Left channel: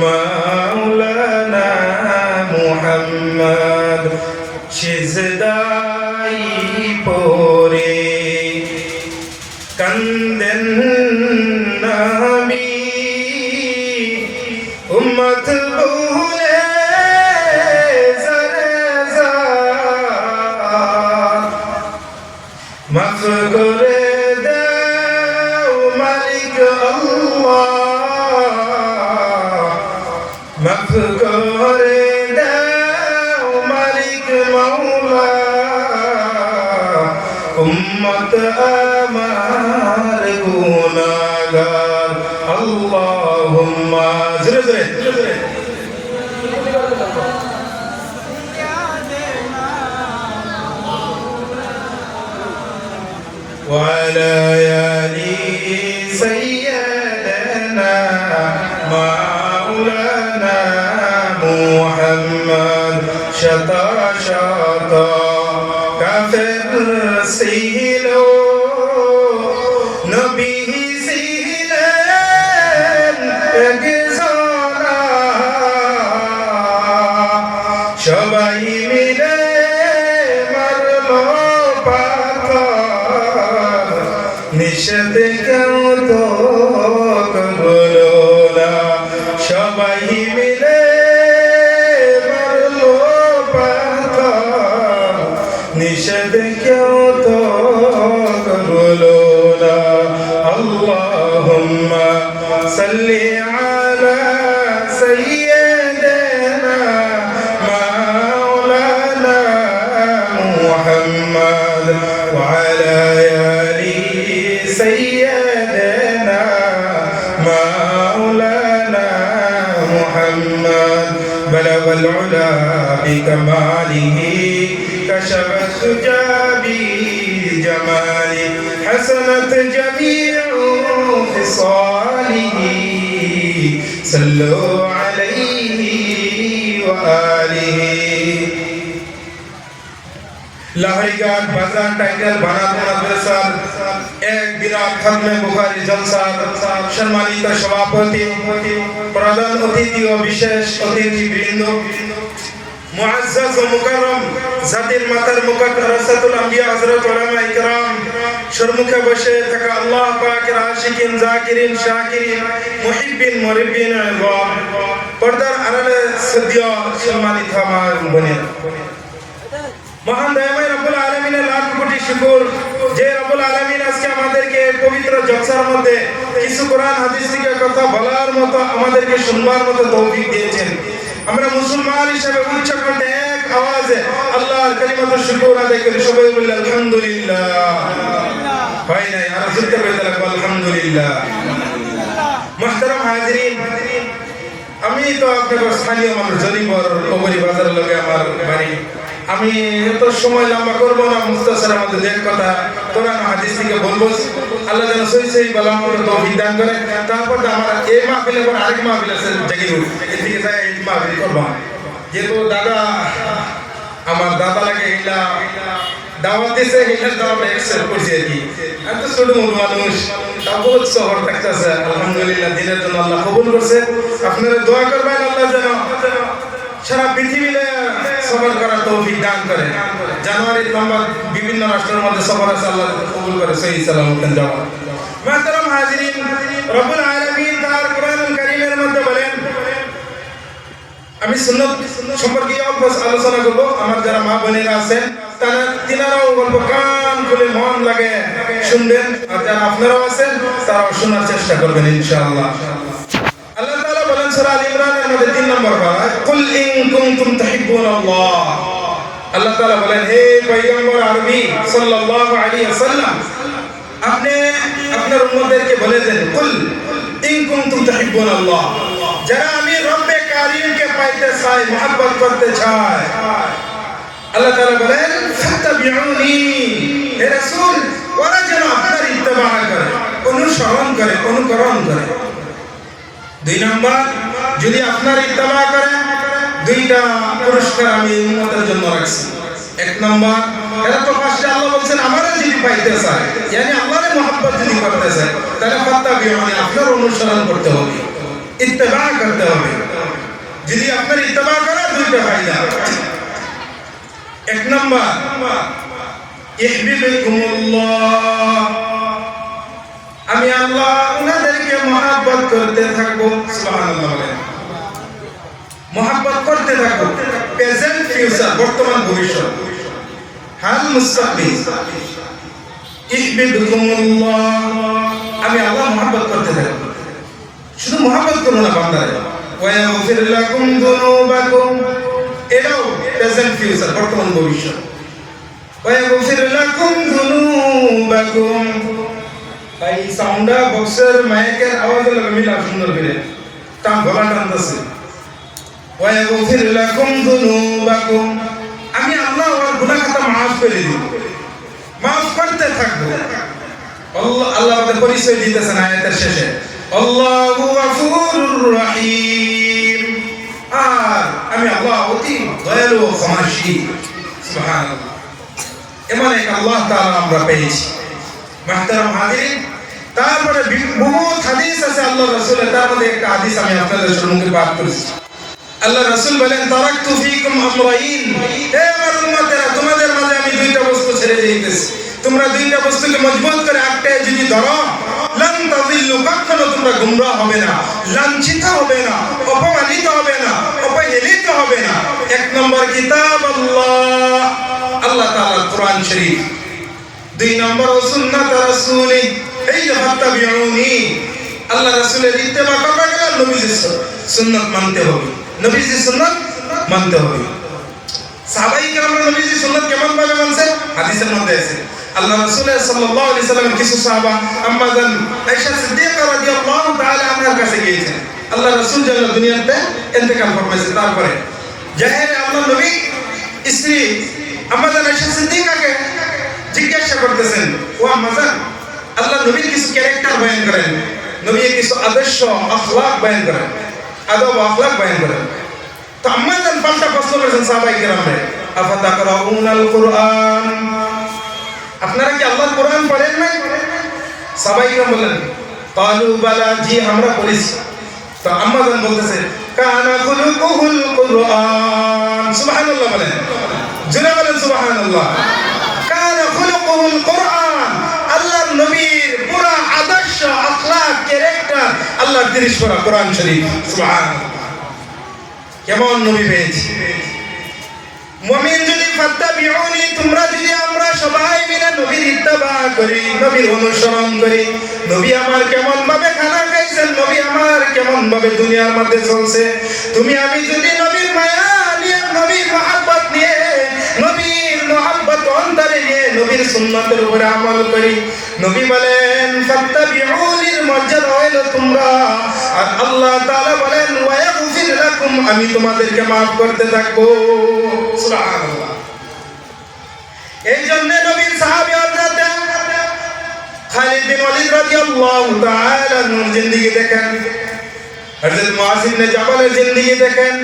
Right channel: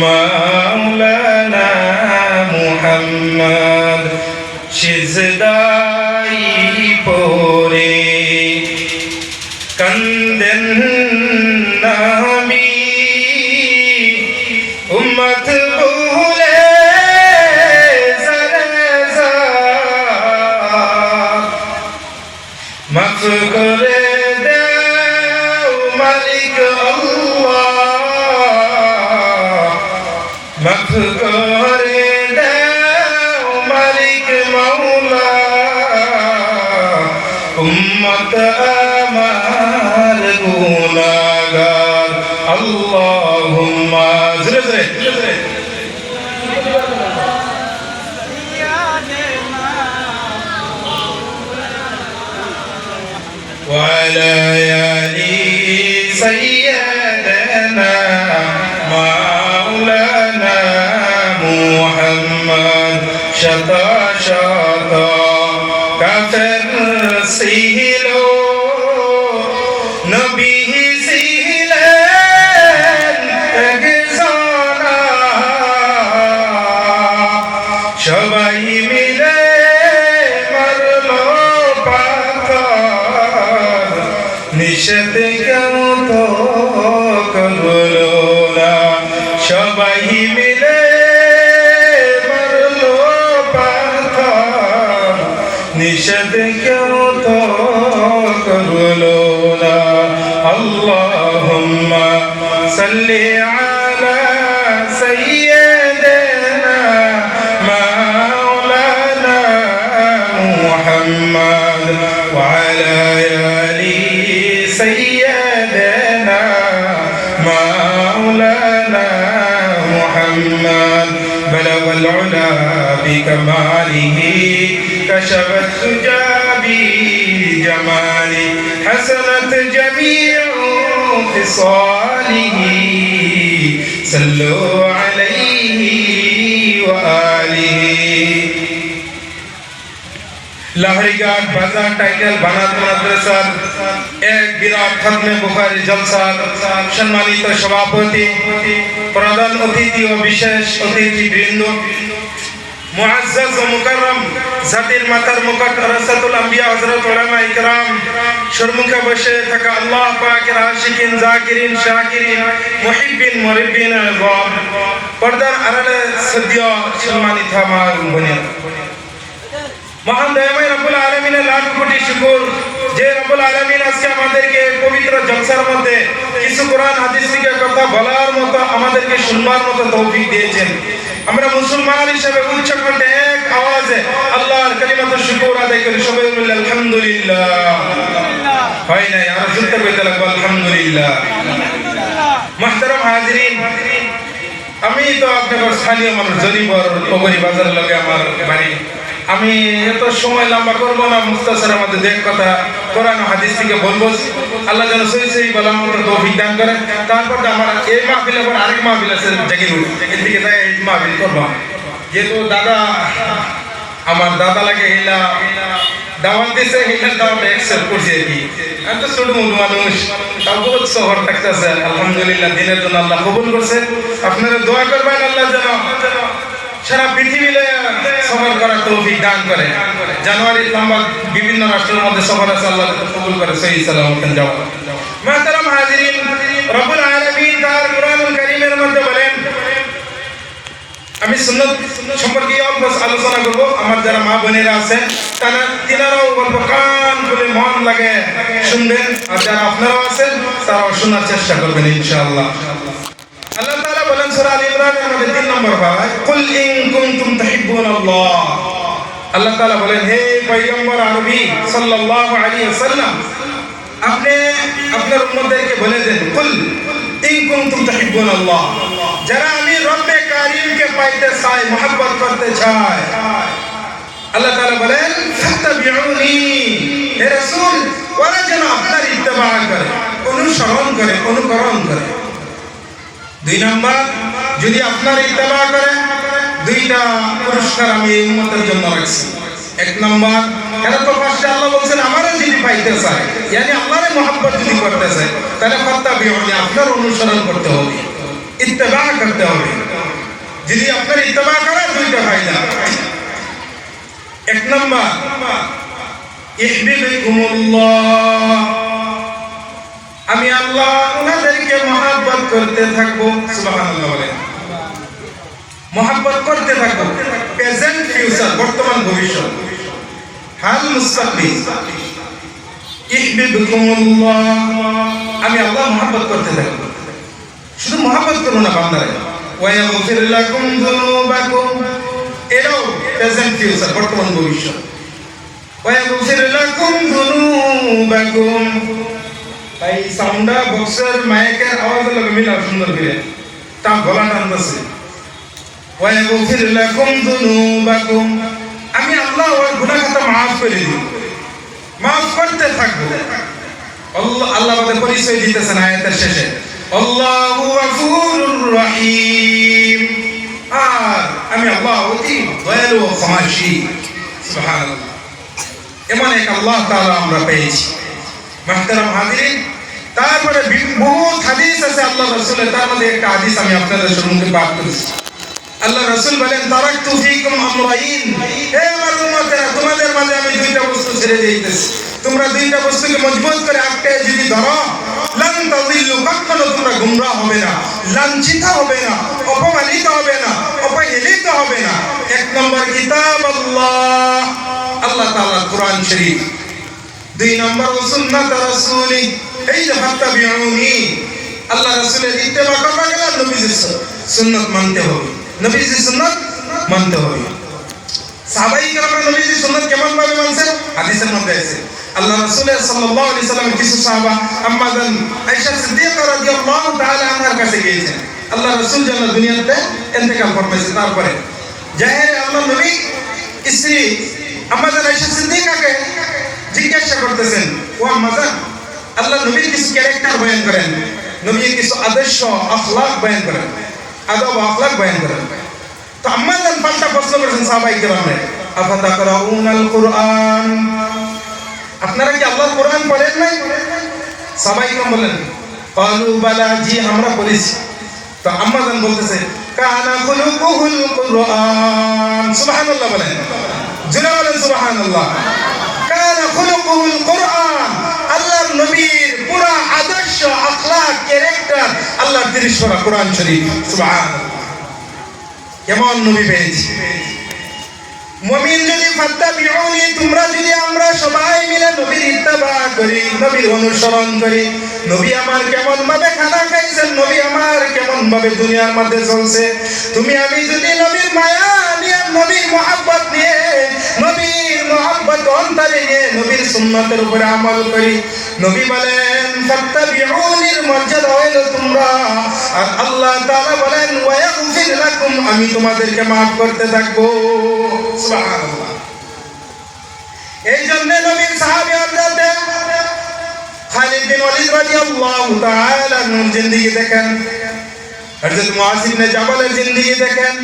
মাওলানা মুহাম্মদ সিজদাই পড়ে কান্দেন নবী উম্মত ভুলে জরজা মাফ করে দাও মালিক মাফ করে দাও মালিক মাওলা উম্মত আমার গুনাহগার আল্লাহুম্মা জোরে জোরে وعلى آل سيدنا مولانا محمد شطا شطا কাফের ছিল নবী ছিলেন একজনা সবাই মিলে মারলো পাথর নিষেধ কেন তো করলো না সবাই মিলে মারলো পাথর নিষেধ কেন তো করলো না আল্লাহুম্মা সাল্লি আলা সাইয়্যিদিনা মাওলানা মুহাম্মদ ওয়া আলা আলি সাইয়্যিদিনা مولانا محمد بلغ العلا بكماله كشف الدجى بجماله حسنت جميع خصاله صلوا عليه وآله লাহরিঘাট বাজার টাইটেল বানাত মাদ্রাসার এক বিরাট খতমে বুখারী জলসার সম্মানিত সভাপতি প্রধান অতিথি ও বিশেষ অতিথি বৃন্দ মুআজ্জাজ ও মুকাররম জাতির মাতার মুকুট রাসাতুল আম্বিয়া হযরত উলামা ইকরাম সম্মুখে বসে থাকা আল্লাহ পাকের আশিকিন জাকিরিন শাকিরিন মুহিব্বিন মুরিব্বিন আলম পর্দার আড়ালে শ্রদ্ধেয় সম্মানিত আমার বোনেরা মহান দয়াময় রব্বুল আলামিনের লাখ কোটি শুকর যে রব্বুল আলামিন আজকে আমাদেরকে পবিত্র জলসার মধ্যে কিছু কোরআন হাদিস থেকে কথা বলার মতো আমাদেরকে শুনবার মতো তৌফিক দিয়েছেন আমরা মুসলমান হিসেবে উচ্চ কণ্ঠে এক আওয়াজে আল্লাহর কালিমাতুল শুকর আদায় করি সবাই বলি আলহামদুলিল্লাহ হয় নাই আর জুড়তে কইতে লাগবে আলহামদুলিল্লাহ মুহতারাম হাজিরিন আমি তো আপনাদের স্থানীয় মানুষ জরিপর পগরি বাজার লগে আমার বাড়ি আমি এত সময় লম্বা করব না মুস্তাসারের মধ্যে দেখ কথা কোরআন হাদিস থেকে বলবো আল্লাহ যেন সহি সহি বলার মতো তৌফিক দান করেন তারপর আমার এই মাহফিলের পর আরেক মাহফিল আছে জাগিরুল এদিকে যাই এই মাহফিল করলাম যেহেতু দাদা আমার দাদা লাগে এইলা দাওয়াত দিছে এইটা দাওয়াত অ্যাকসেপ্ট করছি আর কি আমি তো ছোট মোটো মানুষ তাও বহুত শহর থাকতেছে আলহামদুলিল্লাহ দিনের জন্য আল্লাহ কবুল করছে আপনারা দোয়া করবেন আল্লাহ যেন সারা পৃথিবীতে সফর করার তৌফিক দান করে জানুয়ারির লম্বা বিভিন্ন রাষ্ট্রের মধ্যে সফর আছে আল্লাহ কবুল করে সহি সালামত যাওয়া মুহতারাম হাজিরিন রব্বুল আলামিন তার কোরআনুল কারীমের মধ্যে বলেন আমি সুন্নাত সম্পর্কে অল্প আলোচনা করব আমার যারা মা বোনেরা আছেন তিনারাও গল্প কান খুলে মন লাগে শুনবেন আর যারা আপনারাও আছেন তারাও শোনার চেষ্টা করবেন ইনশাআল্লাহ আল্লাহ তাআলা বলেন সূরা আল ইমরানের মধ্যে 3 নম্বর আয়াত কুল ইন কুনতুম তুহিব্বুনাল্লাহ আল্লাহ তাআলা বলেন হে পয়গম্বর আরবি সাল্লাল্লাহু আলাইহি ওয়াসাল্লাম আপনি আপনার উম্মতদেরকে বলে দেন কুল ইন কুনতুম তুহিব্বুনাল্লাহ যারা আমি রব্বে কারীমকে পাইতে চাই মহব্বত করতে চাই আল্লাহ তাআলা বলেন ফাত্তাবিউনি হে রাসূল ওরা যেন আপনার ইত্তেবা করে অনুসরণ করে অনুকরণ করে 2 নাম্বার যদি আপনার ইত্তেবা করে দুইটা পুরস্কার আমি এই উম্মতের জন্য রাখছি। এক নম্বর, এরা তো ফার্স্টে আল্লাহ বলছেন আমারে যদি পাইতে চায়, মানে আল্লাহরে মহব্বত যদি করতে চায়, তাহলে ফাত্তাবিউনি আপনার অনুসরণ করতে হবে। ইত্তেবা করতে হবে। যদি আপনার ইত্তেবা করে দুইটা ফায়দা। এক নম্বর, ইহবিবকুমুল্লাহ, আমি আল্লাহ ওনাদেরকে মহব্বত করতে থাকবো। সুবহানাল্লাহ বলেন, মহব্বত করতে থাকবো। প্রেজেন্ট, ফিউচার, বর্তমান, ভবিষ্যৎ, হাল, মুস্তাকবিল। ইহবিবকুমুল্লাহ, আমি আল্লাহ মহব্বত করতে থাকবো। শুধু মহব্বত করো না বান্দারে। ওয়া ইয়াগফির লাকুম যুনুবাকুম, এটাও প্রেজেন্ট, ফিউচার, বর্তমান, ভবিষ্যৎ। ওয়া ইয়াগফির লাকুম যুনুবাকুম, তাই সাউন্ডা বক্সের মাইকের আওয়াজ লাগে মিলা সুন্দর করে তা গলা টানতেছে। ওয়া ইয়াগফির লাকুম যুনুবাকুম, আমি আল্লাহ ওর গুনাহ খাতা maaf করে দিব, maaf করতে থাকবো। আল্লাহ আমাদের পরিচয় দিতেছেন আয়াতের শেষে, আল্লাহু গফুরুর রহিম, আর আমি আল্লাহ অতি দয়ালু ও ক্ষমাশীল। সুবহানাল্লাহ, এমন এক আল্লাহ তাআলা আমরা পেয়েছি। মুহতারাম হাজিরিন, তারপরে বহুত হাদিস আছে আল্লাহ রাসূলের, তার মধ্যে একটা হাদিস আমি আপনাদের সম্মুখে পাঠ করেছি। আল্লাহ রাসূল বলেন, তারাকতু ফীকুম আমরাইন, হে আমার উম্মতেরা, তোমাদের মাঝে আমি দুইটা বস্তু ছেড়ে দিতেছি। তোমরা দুইটা বস্তুকে মজবুত করে আঁকড়ে যদি ধরো, লান তাযিল্লু, কখনো তোমরা গুমরাহ হবে না, লাঞ্ছিত হবে না, অপমানিত হবে না, অবহেলিত হবে না। এক নম্বর কিতাব আল্লাহ, আল্লাহ তাআলার কোরআন শরীফ। দুই নম্বর সুন্নাত রাসূলি, এই যে ফাত্তাবিউনি, আল্লাহ রাসূলের ইত্তেবা করতে গেলে নবীজির সুন্নাত মানতে হবে, নবীজির সুন্নাত মানতে হবে। সাহাবায়ে কেরাম নবীজির সুন্নাত কেমন ভাবে মানছেন? হাদিসের মধ্যে আছে। আল্লাহ রাসূল সাল্লাল্লাহু আলাইহি সাল্লামের কিছু সাহাবা আম্মা জান আয়েশা সিদ্দিকা রাদিয়াল্লাহু তাআলা আনহার কাছে গিয়েছেন। আল্লাহ রাসূল যখন দুনিয়াতে ইন্তেকাল ফরমাইছেন, তারপরে জাহেরে আল্লাহ নবী স্ত্রী আম্মা জান আয়েশা সিদ্দিকাকে জিজ্ঞাসা করতেছেন, ও আম্মা জান, আল্লাহ নবীর কিছু ক্যারেক্টার বয়ান করেন, নবীর কিছু আদর্শ আখলাক বয়ান করেন, আদব আখলাক বয়ান করেন। তো আম্মা জান পাল্টা প্রশ্ন করেছেন সাহাবায়ে কেরামকে, আফাতাকরাউনাল কুরআন, আপনারা কি আল্লাহর কোরআন পড়েন না? সাহাবায়ে কেরাম বলেন, ক্বালু বালা, জি আমরা পড়েছি। তো আম্মা জান বলতেছে, কানা খুলুকুহুল কুরআন, সুবহানাল্লাহ বলেন, জোরে বলেন সুবহানাল্লাহ। কানা খুলুকুহুল কুরআন, আল্লাহর নবীর পুরা আদর্শ আখলাক ক্যারেক্টার আল্লাহর তিরিশ পারা কোরআন শরীফ। সুবহানাল্লাহ, কেমন নবী পেয়েছি। মুমিন যদি ফাত্তাবিউনি, তোমরা যদি আমরা সবাই মিলে নবীর ইত্তেবা করি, নবীর অনুসরণ করি, নবী আমার কেমন ভাবে খানা খাইছেন, নবী আমার কেমন ভাবে দুনিয়ার মধ্যে চলছে, তুমি আমি যদি নবীর মায়া নিয়ে, নবীর মহব্বত নিয়ে, নবীর মহব্বত অন্তরে নিয়ে নবীর সুন্নাতের উপরে আমল করি। নবী বলেন ফাত্তাবিউনির মর্যাদা হইল তোমরা, আর আল্লাহ তাআলা বলেন ওয়া ইয়াগফির লাকুম, আমি তোমাদেরকে maaf করতে থাকবো। সুবহানাল্লাহ, এই জন্য নবীর সাহাবী হযরত খালিদ বিন ওয়ালিদ রাদিয়াল্লাহু তাআলা আনহুর জিন্দেগি দেখেন, হযরত মুআয ইবনে জাবালের জিন্দেগি দেখেন,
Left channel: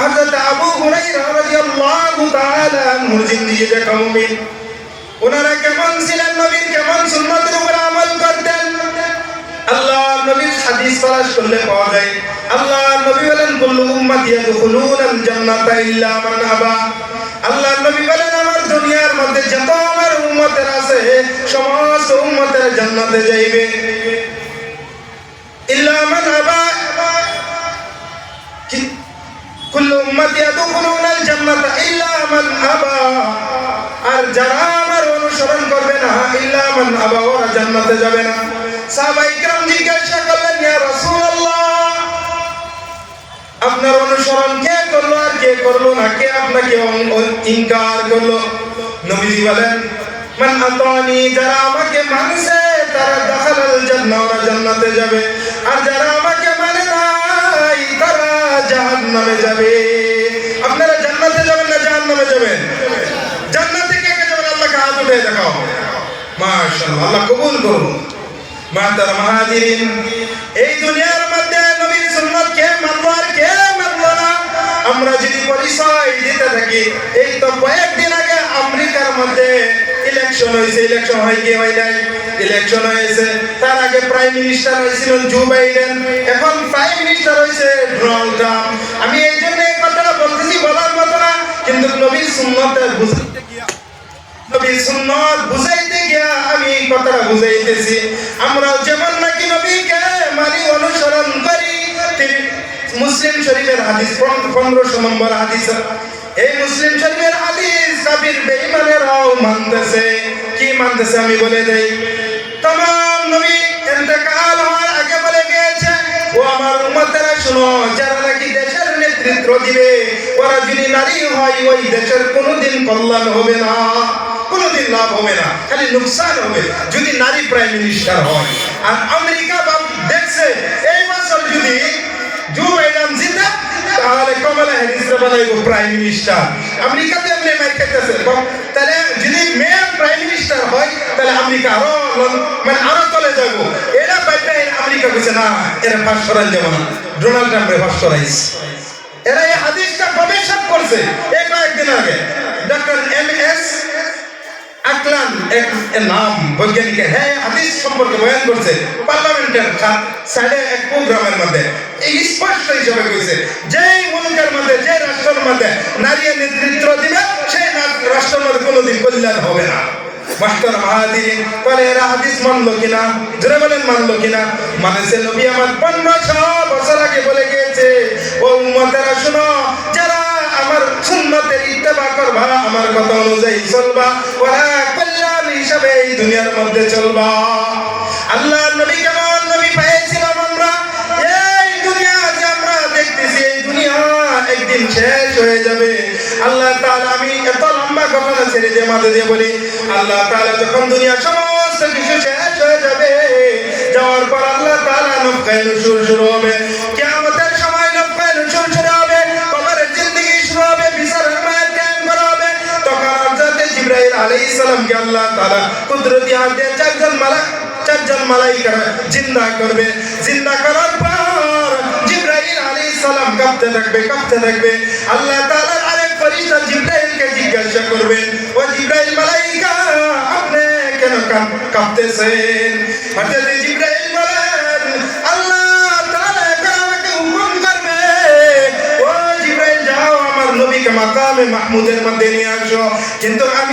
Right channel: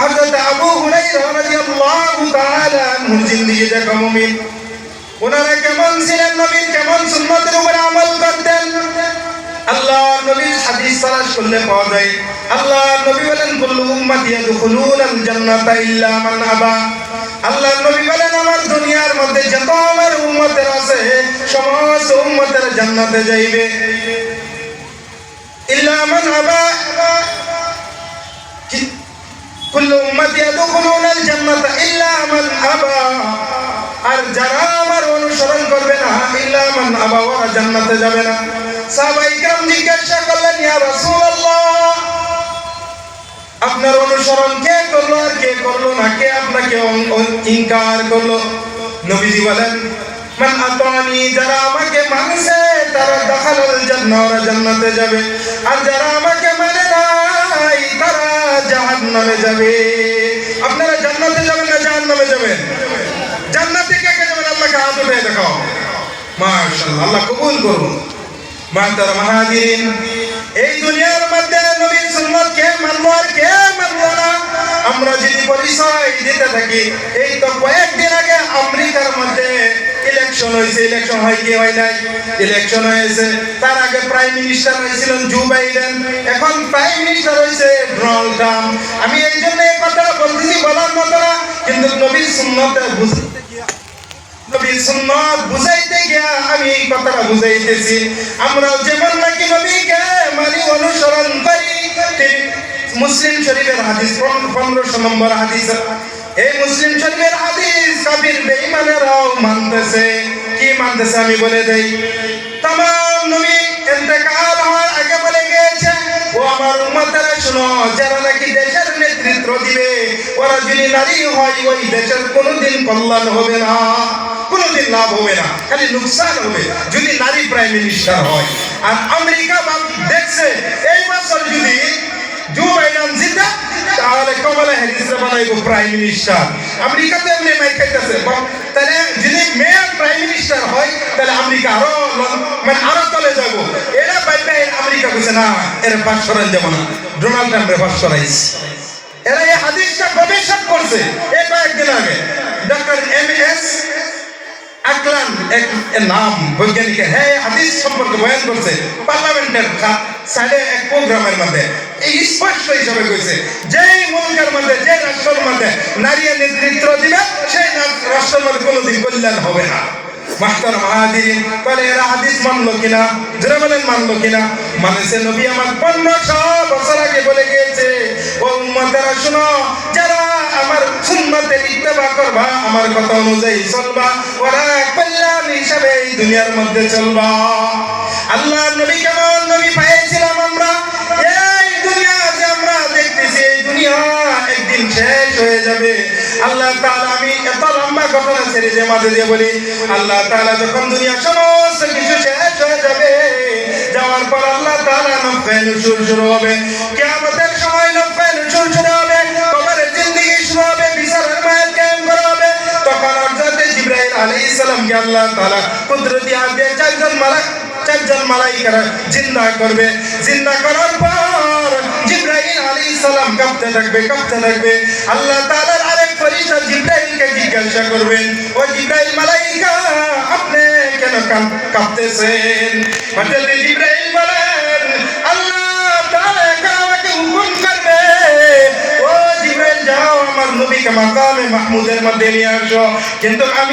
হযরত আবু হুরায়রা রাদিয়াল্লাহু তাআলা আনহুর জিন্দেগি দেখা। মুমিন ওনারা কেমন ছিলেন, নবীর কেমন সুন্নাতের উপর আমল করতেন। আল্লাহর নবীর হাদিস তালাশ করলে পাওয়া যায়। আল্লাহর নবী বলেন, কুল্লু উম্মতি ইয়াদখুলুনাল জান্নাতা ইল্লা মান আবা, আল্লাহর নবী বলেন, আমার দুনিয়ার মধ্যে যত আমার উম্মতের আছে সমস্ত উম্মতের জান্নাতে যাইবে, ইল্লা মান আবা, কুল্লু উম্মতি ইয়াদখুলুনাল জান্নাতা ইল্লা মান আবা, আর যারা আমার অনুসরণ করবে না, ইল্লা মান আবা, ওরা জান্নাতে যাবে না। সাহাবায়ে কেরাম জিজ্ঞাসা করলেন, ইয়া রাসূলুল্লাহ, আপনার অনুসরণ কে করলো আর কে করলো না, কে আপনাকে ইনকার করলো? নবীজি বলেন, মান আতানি, যারা আমাকে মানছে তারা দাখালাল জান্নাহ, ওরা জান্নাতে যাবে, আর যারা আমাকে মানে নাই তারা জাহান্নামে যাবে। আপনারা জান্নাতে যাবেন না জাহান্নামে যাবেন? জান্নাতে কে কে যাবেন? আল্লাহকে হাত উঠিয়ে দেখাও। মাশাআল্লাহ, আল্লাহ কবুল করুন। মুহতারাম হাজিরিন, এই দুনিয়ার মধ্যে নবীর সুন্নাত কে মানলো আর কে মানলো না, আমরা যদি পরিচয় দিতে থাকি। এই তো কয়েকদিন আগে আমেরিকার মধ্যে ইলেকশন হয়েছে, ইলেকশন হয় কি হয় নাই, ইলেকশন হয়েছে, তার আগে প্রাইম মিনিস্টার হয়েছিলেন জো বাইডেন, এখন মিনিস্টার হয়েছে ডোনাল্ড ট্রাম্প। আমি এই জন্য এই কথাটা বলতেছি বলার মতো না, কিন্তু নবীর সুন্নতের বুঝাইতে গিয়া নবীর সুন্নত বুঝাইতে গিয়া আমি এই কথাটা বুঝাইতেছি। আমরাও যেমন নাকি নবীকে মানি, অনুসরণ করি। মুসলিম শরীফের হাদিস 1500 নম্বর হাদিস, এই মুসলিম শরীফের হাদিস কাফির বেঈমানেরাও মানতেছে। কি মানতেছে আমি বলে দেই। तमाम নবী ইন্তেকাল হওয়ার আগে বলে গিয়েছে, ও আমার উম্মতেরা শুনো, যারা নাকি দেশের নেতৃত্ব দিবে ওরা যদি নারী হয় ওই দেশের কোনোদিন কল্যাণ হবে না, কোনোদিন লাভ হবে না, খালি নুকসান হবে যদি নারী প্রাইম মিনিস্টার হয়। আর আমেরিকা দেখছে এই বছর যদি জো বাইডেন জিতে তাহলে কমলা হ্যারিসকে বানাইবো প্রাইম মিনিস্টার। আমেরিকাতে এমনি মাইর খাইতেছে, তাহলে যদি মেয়ে প্রাইম মিনিস্টার হয় তাহলে আমেরিকা আরো তলে যাবো। এরা বাইরে আমেরিকা কইছে না, এরা পাস করাই যাব না, ডোনাল্ড ট্রাম্পে পাস করাইছে। এরা এই হাদিসটা গবেষণা করছে এই কয়েকদিন আগে। ডক্টর MS আকলান এক নাম বৈজ্ঞানিকের, হ্যাঁ হাদিস সম্পর্কে বয়ান করছে পার্লামেন্টের সাইডে এক প্রোগ্রামের মধ্যে। এই স্পষ্ট হিসাবে কইছে যেই মুলকের মধ্যে, যে রাষ্ট্রের মধ্যে নারী নেতৃত্ব দিবে সেই রাষ্ট্রের মধ্যে কোনোদিন কল্যাণ হবে না। মাস্টার মাহাদিন বলে এরা হাদিস মানলো কিনা, জোরে বলেন মানলো কিনা? মানেছে নবী আমার 1500 বছর আগে বলে গিয়েছে, ও উম্মতেরা শুনো, যারা আমার সুন্নতের ইত্তেবা করবা, আমার কথা অনুযায়ী চলবা, ওরা কল্যাণ হিসাবে এই দুনিয়ার মধ্যে চলবা। আল্লাহ নবী কেমন নবী পেয়েছিলাম আমরা? এই দুনিয়া যে আমরা দেখতেছি, এই দুনিয়া একদিন শেষ হয়ে যাবে। আল্লাহ তাআলা, আমি এত লম্বা ঘটনা ছেড়ে দিয়ে মাঝে দিয়ে বলি, আল্লাহ তাআলা যখন দুনিয়া সমস্ত কিছু শেষ হয়ে যাবে, যাওয়ার পর আল্লাহ তাআলা নফখায়ে নুশুর শুরু হবে। কিয়ামতের সময় নফখায়ে নুশুর শুরু হবে, কবরের জিন্দেগি শুরু হবে, বিচারের মায়াত কায়েম করা হবে। তখন হযরত জিবরাইল আলাইহিস সালামকে আল্লাহ তাআলা কুদরতি হাত দিয়ে চারজন মালাইকা জিন্দা করবে। জিন্দা করার পর জিবরাইল আলাইহিস সালাম কাঁপতে থাকবে। আল্লাহ তাআলার আরেক ফেরেশতা জিবরাইলকে জিজ্ঞাসা করবেন, ও জিবরাইল মালাইকা, আপনি কেন কাঁপতেছেন? হযরত জিবরাইল বলেন, আল্লাহ তাআলা এখন আমাকে হুকুম করবে, ও জিবরাইল যাও আমার নবীকে মাকামে মাহমুদের মধ্যে নিয়ে আসো। কিন্তু আমি